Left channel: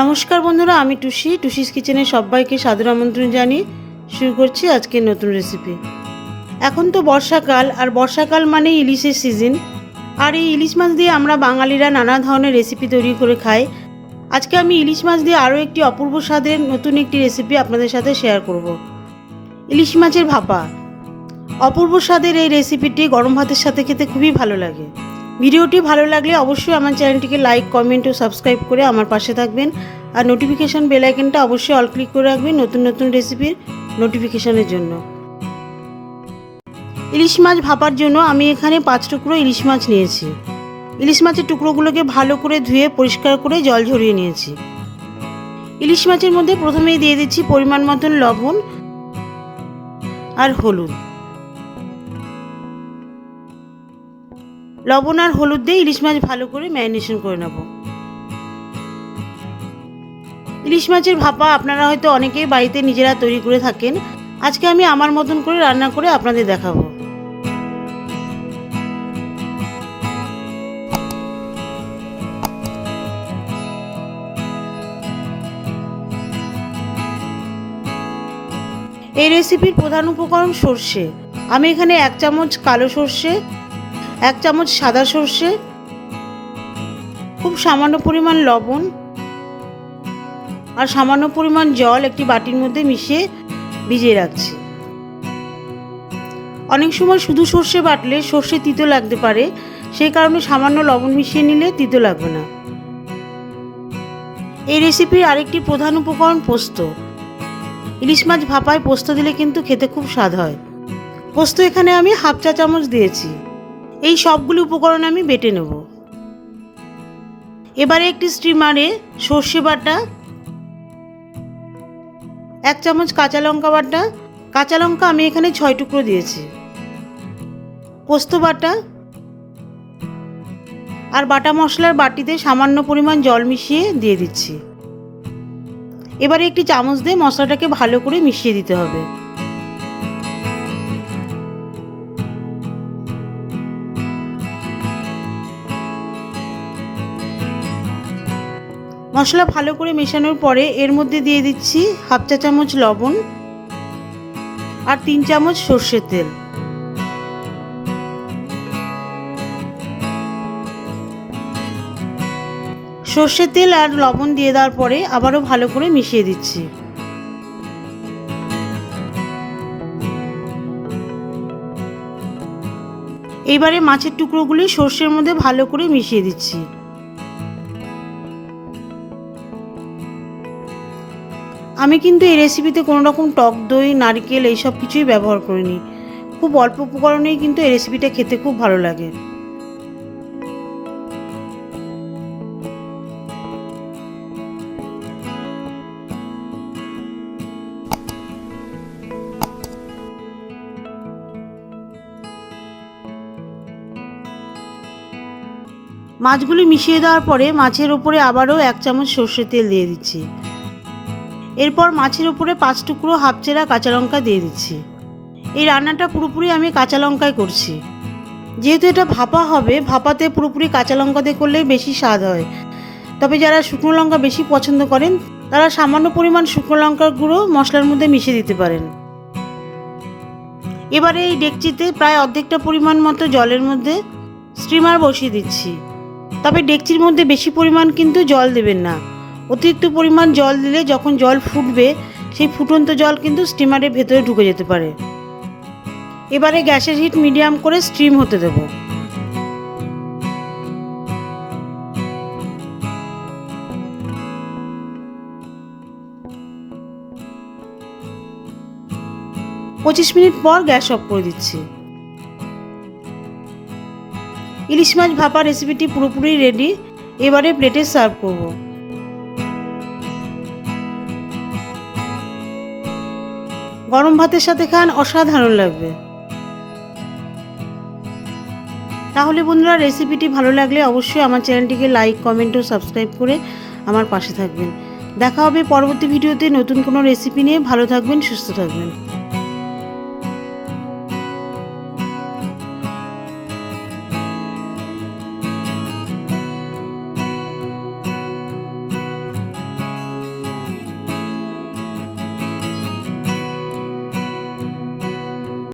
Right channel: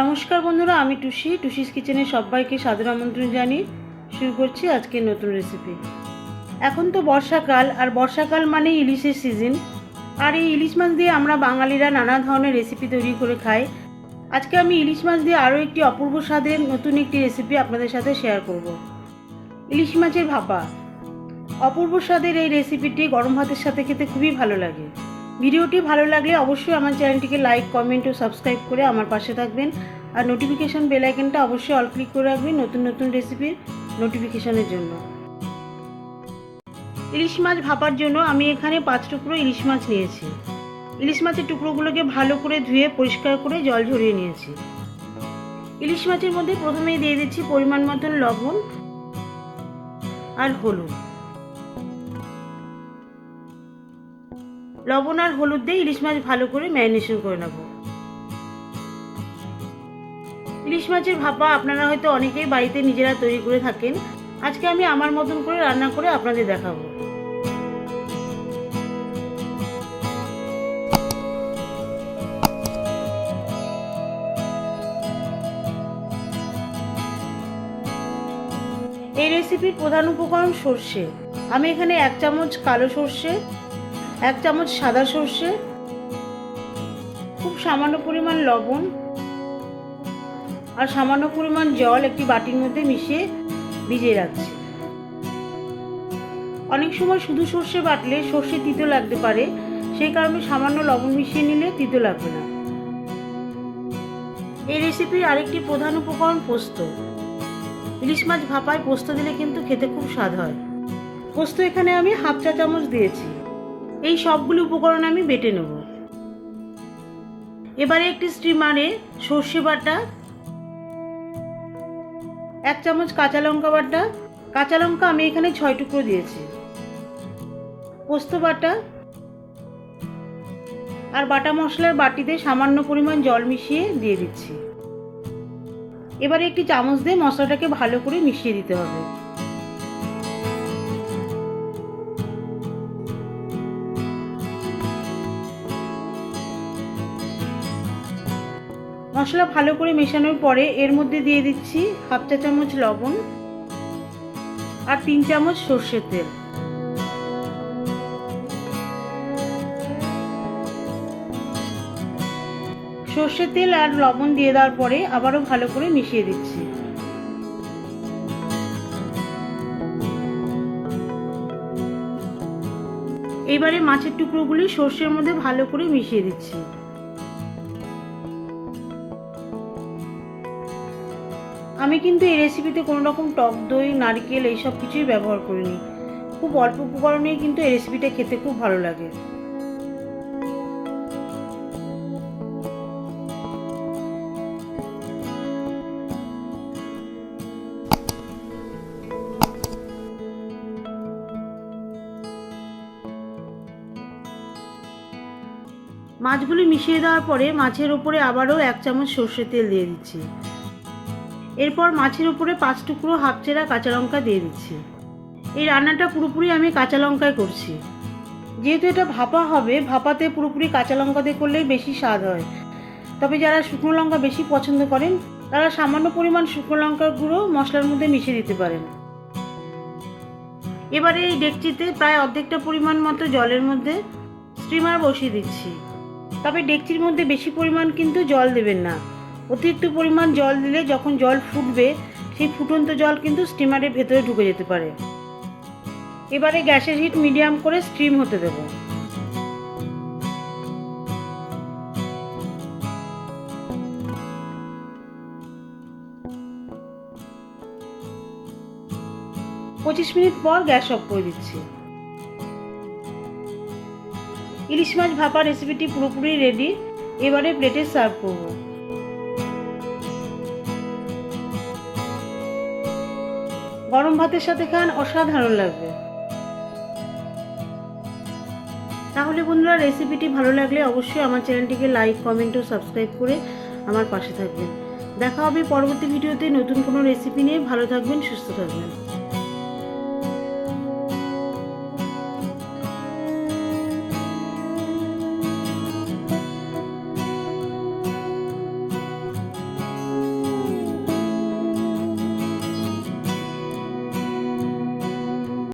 নমস্কার বন্ধুরা, আমি টুসিস কিচেনে সবাইকে সাদর আমন্ত্রণ জানিয়ে শুরু করছি আজকের নতুন রেসিপি। এখন তো বর্ষাকাল, আর বর্ষাকাল মানে ইলিশের সিজন। আর এই ইলিশ মাছ দিয়ে আমরা বাঙালিরা নানা ধরনের রেসিপি তৈরি করে খাই। আজকে আমি ইলিশ মাছ দিয়ে আরও একটি অপূর্ব স্বাদের নতুন একটি রেসিপি আপনাদের সাথে শেয়ার করব। ইলিশ মাছের ভাপা। অপূর্ব স্বাদের এই রেসিপিটি গরম ভাতের সাথে খেতে খুবই ভালো লাগে। ভিডিওটি ভালো লাগলে অবশ্যই আমার চ্যানেলটিকে লাইক, কমেন্ট ও সাবস্ক্রাইব করে আমার পাশে থাকবেন। আর নোটিফিকেশান বেল আইকনটা অবশ্যই অল ক্লিক করে রাখবেন নতুন নতুন রেসিপির নোটিফিকেশানের জন্য। ইলিশ মাছ ভাপার জন্য আমি এখানে 5 টুকরো ইলিশ মাছ নিয়েছি। ইলিশ মাছের টুকরোগুলোকে ভালো করে ধুয়ে পরিষ্কার করে জল ঝরিয়ে নিয়েছি। ইলিশ মাছের মধ্যে প্রথমেই দিয়ে দিচ্ছি পরিমাণ মতন লবণ আর হলুদ। লবণ আর হলুদ দিয়ে ইলিশ মাছ ভালো করে ম্যারিনেশন করে নেব। ইলিশ মাছের ভাপা আপনারা হয়তো অনেকেই বাড়িতে নিজেরা তৈরি করে থাকেন। আজকে আমি আমার মতন করে রান্না করে আপনাদের দেখাবো। এই রেসিপির প্রধান উপকরণ সর্ষে। আমি এখানে 1 চামচ কালো সর্ষে, 1 চামচ সাদা সর্ষে, খুব সামান্য পরিমাণ লবণ আর সামান্য পরিমাণ জল একটি বাটির মধ্যে মিশিয়ে ভিজিয়ে রাখছি। অনেক সময় শুধু সর্ষে বাটলে সর্ষে তিতো লাগতে পারে, সেই কারণে সামান্য লবণ মিশিয়ে নিলে তিতো লাগবে না। এই রেসিপির আরেকটি প্রধান উপকরণ পোস্ত। ইলিশ মাছ ভাপায় পোস্ত দিলে কিন্তু খেতে খুব স্বাদ হয়। পোস্ত এখানে আমি 1/2 চা চামচ দিয়েছি। এই সবগুলো উপকরণ আমি বেটে নেব। এবারে একটি স্টিমারে সর্ষে বাটা, 1 চামচ কাঁচা লঙ্কা বাটা, কাঁচা লঙ্কা আমি এখানে 6 টুকরো দিয়েছি, পোস্ত বাটা আর বাটা মশলার বাটিতে সামান্য পরিমাণ জল মিশিয়ে দিয়ে দিচ্ছি। এবারে একটি চামচ দিয়ে মশলাটাকে ভালো করে মিশিয়ে দিতে হবে। মশলা ভালো করে মেশানোর পরে এর মধ্যে দিয়ে দিচ্ছি 1/2 চা চামচ লবণ আর 3 চামচ সর্ষের তেল। সর্ষের তেল আর লবণ দিয়ে দেওয়ার পরে আবারও ভালো করে মিশিয়ে দিচ্ছি। এবারে মাছের টুকরোগুলি সর্ষের মধ্যে ভালো করে মিশিয়ে দিচ্ছি। আমি কিন্তু এই রেসিপিতে কোনো রকম টক দই, নারকেল এইসব কিছুই ব্যবহার করিনি। খুব অল্প উপকরণেই কিন্তু এই রেসিপিটা খেতে খুব ভালো লাগে। মাছগুলি মিশিয়ে দেওয়ার পরে মাছের উপরে আবারও 1 চামচ সর্ষের তেল দিয়ে দিচ্ছি। এরপর মাছের উপরে 5 টুকরো হাফ চেরা কাঁচা লঙ্কা দিয়ে দিচ্ছি। এই রান্নাটা পুরোপুরি আমি কাঁচা লঙ্কায় করছি। যেহেতু এটা ভাপা হবে, ভাপাতে পুরোপুরি কাঁচা লঙ্কা দিয়ে করলে বেশি স্বাদ হয়। তবে যারা শুকনো লঙ্কা বেশি পছন্দ করেন তারা সামান্য পরিমাণ শুকনো লঙ্কার গুঁড়ো মশলার মধ্যে মিশিয়ে দিতে পারেন। এবারে এই ডেকচিতে প্রায় অর্ধেকটা পরিমাণ মতো জলের মধ্যে স্টিমার বসিয়ে দিচ্ছি। তবে ডেকচির মধ্যে বেশি পরিমাণ কিন্তু জল দেবেন না। অতিরিক্ত পরিমাণ জল দিলে যখন জল ফুটবে সেই ফুটন্ত জল কিন্তু স্টিমারের ভেতরে ঢুকে যেতে পারে। এবারে গ্যাসের হিট মিডিয়াম করে স্টিম হতে দেব। পঁচিশ মিনিট পর গ্যাস অফ করে দিচ্ছি। ইলিশ মাছ ভাপা রেসিপিটি পুরোপুরি রেডি। এবারে প্লেটে সার্ভ করব। গরম ভাতের সাথে খান, অসাধারণ লাগবে। তাহলে বন্ধুরা, রেসিপিটি ভালো লাগলে অবশ্যই আমার চ্যানেলটিকে লাইক, কমেন্ট ও সাবস্ক্রাইব করে আমার পাশে থাকবেন। দেখা হবে পরবর্তী ভিডিওতে নতুন কোনো রেসিপি নিয়ে। ভালো থাকবেন, সুস্থ থাকবেন।